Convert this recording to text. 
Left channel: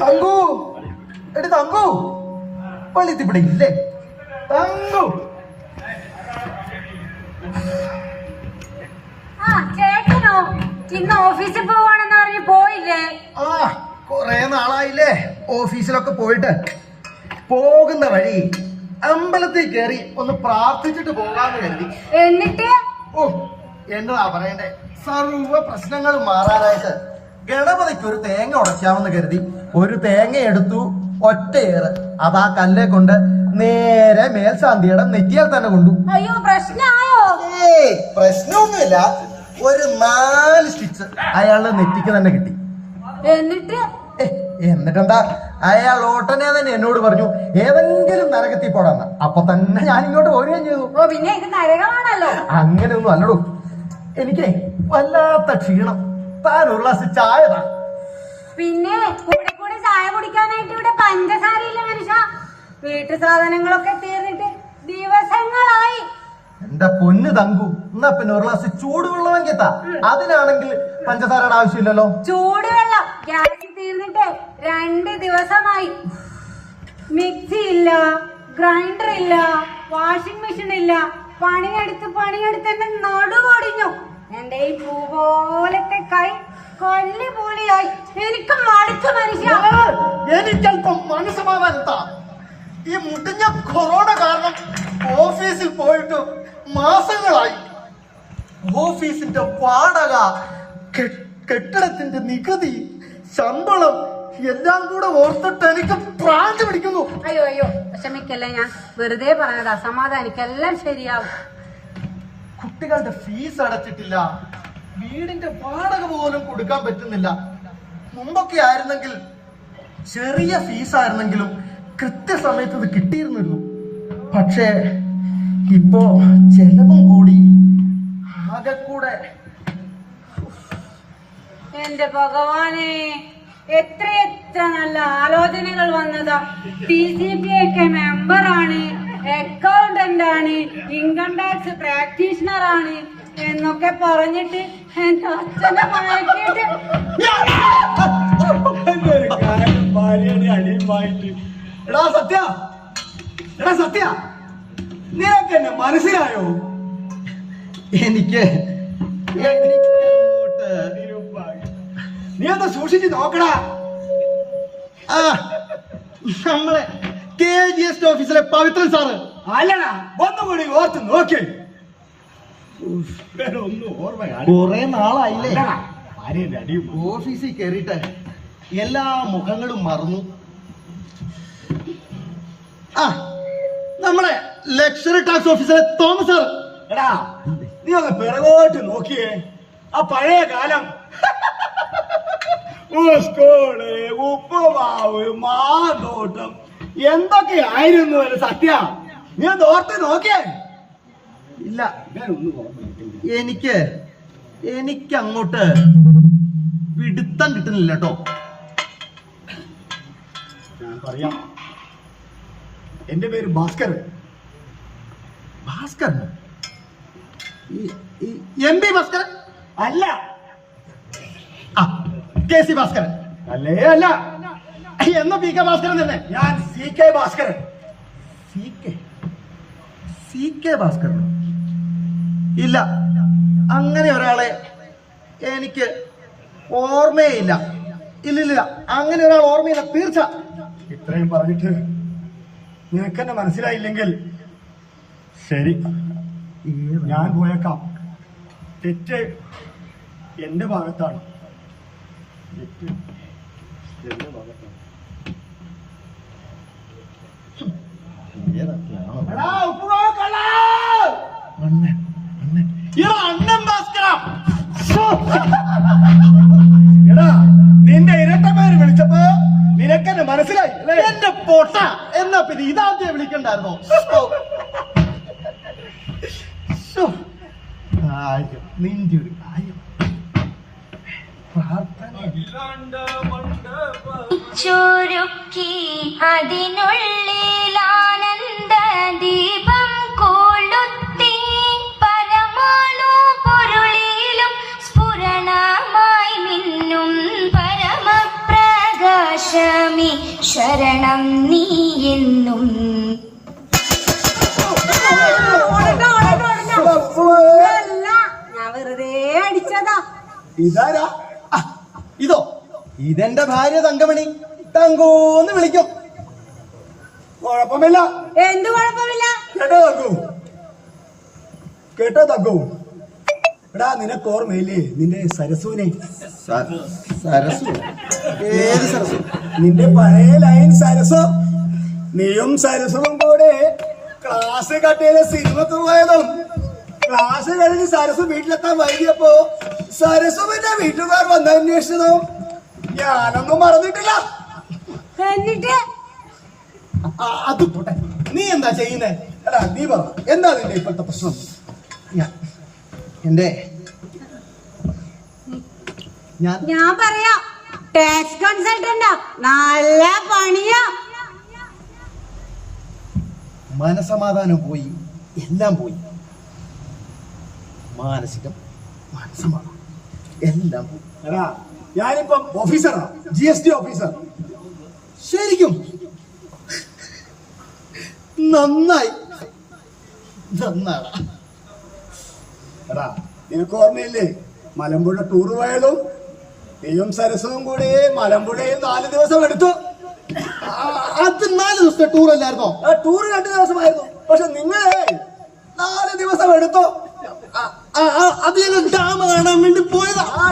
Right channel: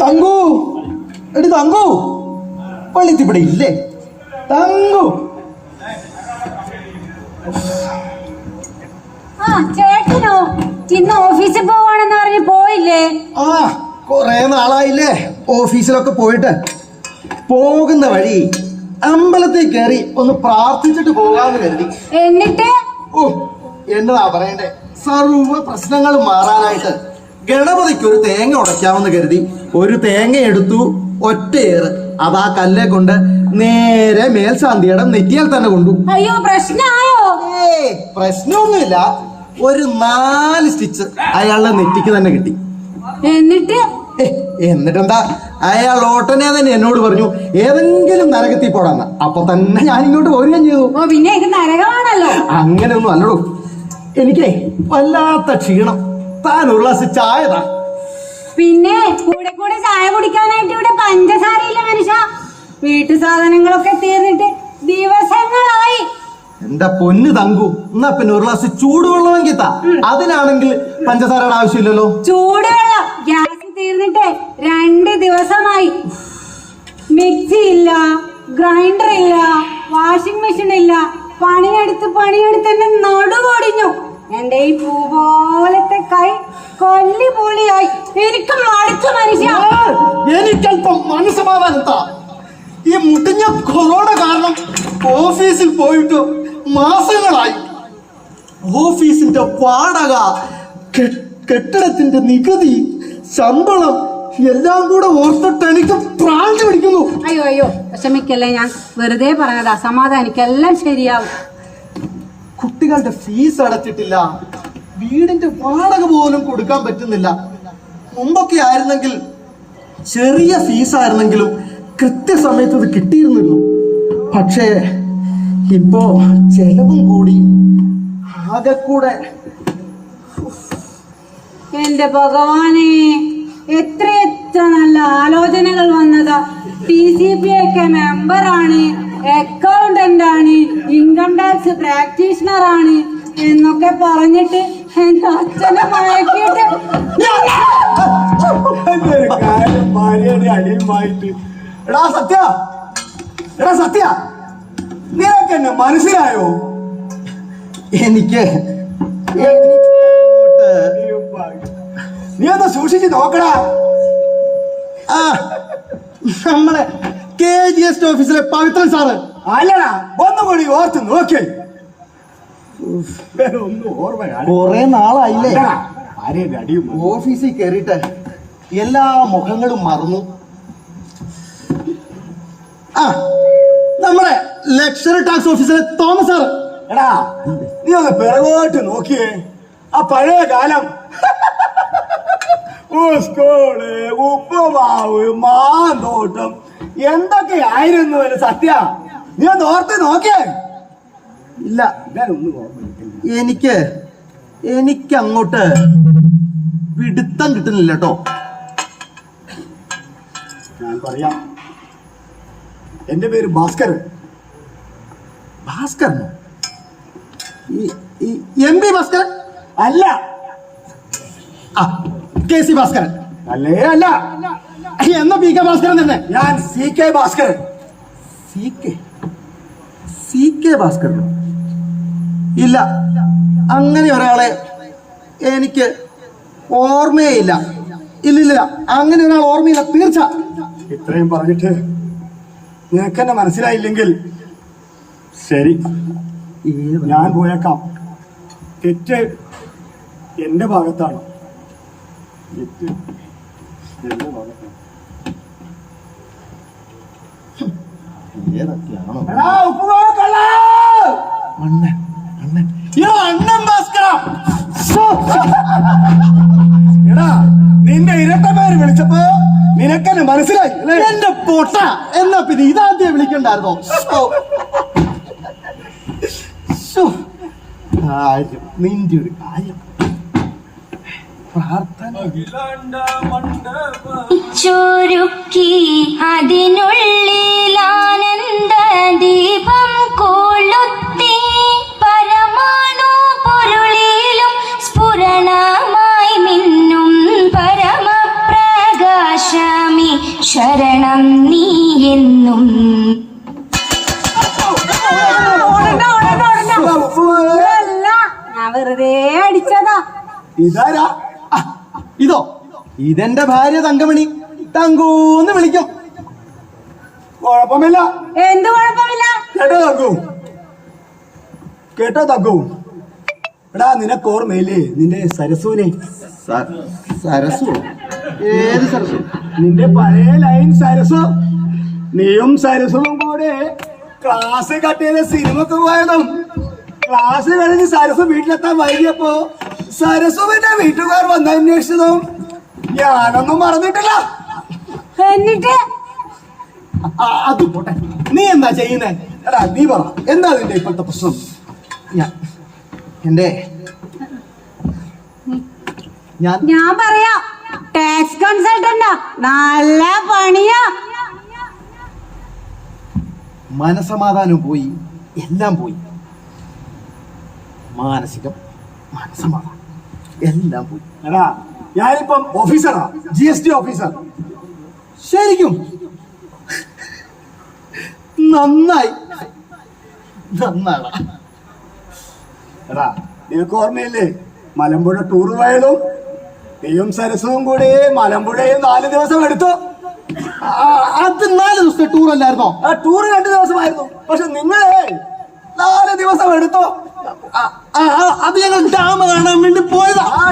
തങ്കു, എടി തങ്കു, പള്ളിത്ത് ഇവിടെ ഇല്ലേ? തങ്കു, ചേട്ടനോ ഇന്ന് ഓഫീസിൽ പോവാണെന്ന് പറഞ്ഞ് പോയില്ലേ? ആ കൊറേ നാളായില്ലേ ഓഫീസിലൊക്കെ പോയിട്ട്. പോകുന്ന വഴി അമ്പലത്തിൽ കയറി ഒന്ന് പ്രാർത്ഥിച്ചിട്ട് പോകാന്ന് കരുതി. എന്നിട്ട് എന്നതാ പറയണ്ടേ, സർവ പ്രശ്നങ്ങളും മാറാനായിട്ട് ഗണപതിക്ക് ഒരു തേങ്ങ ഉടയ്ക്കാമെന്ന് കരുതി. ഒരു തേങ്ങ എടുത്തു, ഒറ്റയേറ് അതാ കല്ലെ കൊണ്ട് നേരെ മേൽശാന്തിയുടെ നെറ്റിയാൽ തന്നെ കൊണ്ടു. അയ്യോ, പ്രശ്നമായോ? പ്രശ്നമൊന്നുമില്ല, ഒരു 4 സ്റ്റിച്ച് അയാളുടെ നെറ്റിക്ക് തന്നെ കിട്ടി. എന്നിട്ടെന്താ, അയാൾ ഓട്ടനെ തന്നെ എന്നോട് പറഞ്ഞു ഏതെങ്കിലും നരകത്തിൽ പോടാന്ന്. അപ്പൊ തന്നെ ഞാൻ ഇങ്ങോട്ട് പോരുകയും ചെയ്തു. പിന്നെ ഇത് നരകമാണല്ലോ. അങ്ങനെയൊന്നും അല്ലടൂ, എനിക്കേ വല്ലാത്ത ക്ഷീണം. താൻ ഒരു ഗ്ലാസ് ചായതാ. പിന്നെ കൂടെ കൂടെ ചായ കുടിക്കാനായിട്ട് ഇവിടെ പഞ്ചസാരയില്ല മനുഷ്യ. വീട്ടു സാധനങ്ങളൊക്കെ തീർന്നിട്ട് ദിവസങ്ങളായി. എന്റെ പൊന്ന് തങ്കു, എന്നാ പിന്നെ ഒരു ഗ്ലാസ് ചൂടുവെള്ളമെങ്കിൽ താ. അതിനാണെങ്കിൽ പഞ്ചസാരയുടെ ആവശ്യമില്ലല്ലോ. ചൂടുവെള്ളം ഗ്യാസ് തീർന്നിട്ട് 2 ദിവസമായി. മിക്സി ഇല്ല, ഗ്രൈൻഡർ ഇല്ല, വാഷിംഗ് മെഷീൻ ഇല്ല. പണിയെടുത്ത് എന്റെ നടുവൊടിഞ്ഞു. എന്റെ ഈ പൂ പോലത്തെ കൈ കൊല്ലിപൂളിയായി. എനിക്ക് മടുത്തു മനുഷ്യ. എനിക്കല്പം മനസ്സമാധാനം താ. ഈ മുട്ടിഞ്ഞ കൊറോണ കാരണം ഓഫീസിൽ പോയിട്ട് മാസങ്ങളായി. ഓഫീസിന്റെ വാടക, കെട്ടിടത്തിന്റെ നികുതി, ശമ്പളം എല്ലാം കൂടെ ഓർത്തിട്ട് എനിക്ക് പ്രാഞ്ച് പിടിക്കുന്നു. അയ്യോ വിഷമിക്കല്ലേ, ഞാൻ വെറുതെ പറഞ്ഞതാ. സമാധാനിക്കെല്ലാം ശരിയാവും. കുട്ടികളുടെ ഫീസ് അടച്ചിട്ടില്ല, വീടിന്റെ വാടക പോലും കൊടുക്കാൻ പറ്റുന്നില്ല. മുമ്പൊക്കെ ആയിരുന്നെങ്കിൽ ചെറിയ ഫീസ് ആയിരുന്നെങ്കിലും കൃത്യസമയത്ത് ഇത് കിട്ടിയിരുന്നുള്ളൂ. പക്ഷേ ഇപ്പോ ചെലവും കൂടി ആകെ കൂടെ. എന്റെ ഭഗവാനെ, എത്ര നല്ല ആലോചനകൾ വന്നതാ. TCP ഒക്കെ മെമ്പറാണ്, അക്കൗണ്ടന്റ് ആണ്, ഇൻകം ടാക്സ് പ്രാക്ടീഷണർ ആണ് എന്നൊക്കെ പറഞ്ഞിട്ട് എന്റെ അച്ഛനെ മയക്കിയിട്ട് അടിയുമായിട്ട്. എടാ സത്യ, നിനക്ക് എന്നെ മനസ്സിലായോ? എനിക്ക് നീ ഒന്ന് സൂക്ഷിച്ച് നോക്കടാ. നമ്മളെ KGS ഓഫീസിലെ പവിത്രൻ സാറ് അല്ലടാ, ഒന്നുകൂടി ഓർത്ത് നോക്കിയേ. ഒന്നും ഓർമ്മ കുറെ നാളായില്ലേ അടിയും. ഓഫീസിൽ കയറിയിട്ട് എല്ലാ മുഖങ്ങളും മറന്നു. നമ്മുടെ ലക്ഷറി ടാക്സ് ഓഫീസിലെ തോമസ് സാർ. എടാ, നീ ഒന്ന് പിറകോട്ട് നോക്കിയേ. ആ പഴയ കാലം, സ്കൂള്, ഉപ്പുമാവ്, മാന്തോട്ടം എന്തൊക്കെയായിരുന്നു സത്യ. നീ ഒന്ന് ഓർത്ത് നോക്കിയേ. ഇല്ല, എനിക്ക് അങ്ങോട്ട് പിടുത്തം കിട്ടുന്നില്ല കേട്ടോ. ഞാൻ പറയാം, എന്റെ പേര് ഭാസ്കരൻ. ഭാസ്കരൻ? MP ഭാസ്കരൻ അല്ല. KC ഭാസ്കരൻ അല്ലേ? അല്ല. എന്നാ PK ഭാസ്കരൻ തന്നെ. ഞാൻ CK ഭാസ്കരൻ. CK ഭാസ്കരൻ? ഇല്ല, അങ്ങനെ ഒരാളെ എനിക്ക് ഓർമ്മയില്ല. ഇല്ലില്ല, അങ്ങനെ ഒരാൾ ഓർമ്മയില്ല, തീർച്ച. ഇത്രയും പറഞ്ഞിട്ട് നിനക്കെന്നെ മനസ്സിലായില്ലെങ്കിൽ ശരി, ഞാൻ പോയേക്കാം. തെറ്റ് എന്റെ ഭാഗത്താണ്. നിന്റെ ഇരട്ട പേര് വിളിച്ചപ്പോ നിനക്കെന്നെ മനസ്സിലായി. എന്റെ പൊട്ട, എന്നാ പിന്നെ ഇതാദ്യം വിളിക്കണ്ടായിരുന്നോ? കാര്യം, നിന്റെ ഒരു കാര്യം. ചുരുക്കി അതിനുള്ളിൽ ആനന്ദ ദീപം കൊള്ളും വെറുതെ അടിച്ചതാ. ഇതാരാ? ആ, ഇതോ ഇതെന്റെ ഭാര്യ തങ്കമണി. തങ്കൂന്ന് വിളിക്കും. കുഴപ്പമില്ല. എന്ത് കുഴപ്പമില്ല? കേട്ടോ തങ്കു, കേട്ടോ തങ്കു, എടാ നിനക്ക് ഓർമ്മയില്ലേ നിന്റെ സരസുവിനെ? സരസു? ഏത് സരസു? നിന്റെ പഴയ ലൈൻ സരസു. നീയും സരസുവും കൂടെ ക്ലാസ് കട്ട് ചെയ്ത സിനിമക്ക് പോയതും ക്ലാസ് കഴിഞ്ഞ് സരസു വീട്ടിലെത്താൻ വൈകിയപ്പോ സരസുവിന്റെ വീട്ടുകാർ വന്ന് അന്വേഷിച്ചതും ഞാനൊന്നും മറന്നിട്ടില്ല. എന്നിട്ട് അത് പോട്ടെ, നീ എന്താ ചെയ്യുന്നേ? എടാ നീ പറ, എന്താ നിന്റെ ഇപ്പോഴത്തെ പ്രശ്നം? എന്റെ ഞാൻ പറയാം. ടാക്സ് കൺസൾട്ടന്റാ, നല്ല പണിയാ. മനസമാധാനം പോയി, എല്ലാം പോയി. മാനസികം, മനസമാധാനം എല്ലാം പോയി. എടാ ഞാനിപ്പം ഓഫീസറാ, GST ഓഫീസർ. ശരിക്കും നന്നായി, നന്നാണ്. എടാ നിനക്ക് ഓർമ്മയില്ലേ മലമ്പുഴ ടൂർ പോയതും നീയും സരസുവും കൂടി മലമ്പുഴയിൽ 4 ദിവസം എടുത്തു. അത് 4 ദിവസത്തെ ടൂർ അല്ലായിരുന്നോ? ആ ടൂർ 2 ദിവസമായിരുന്നു, പക്ഷെ നിങ്ങളെ 4 ദിവസം എടുത്തു. അത് ഞങ്ങൾ ഡാം കാണാൻ വേണ്ടി പോയതാ. ആ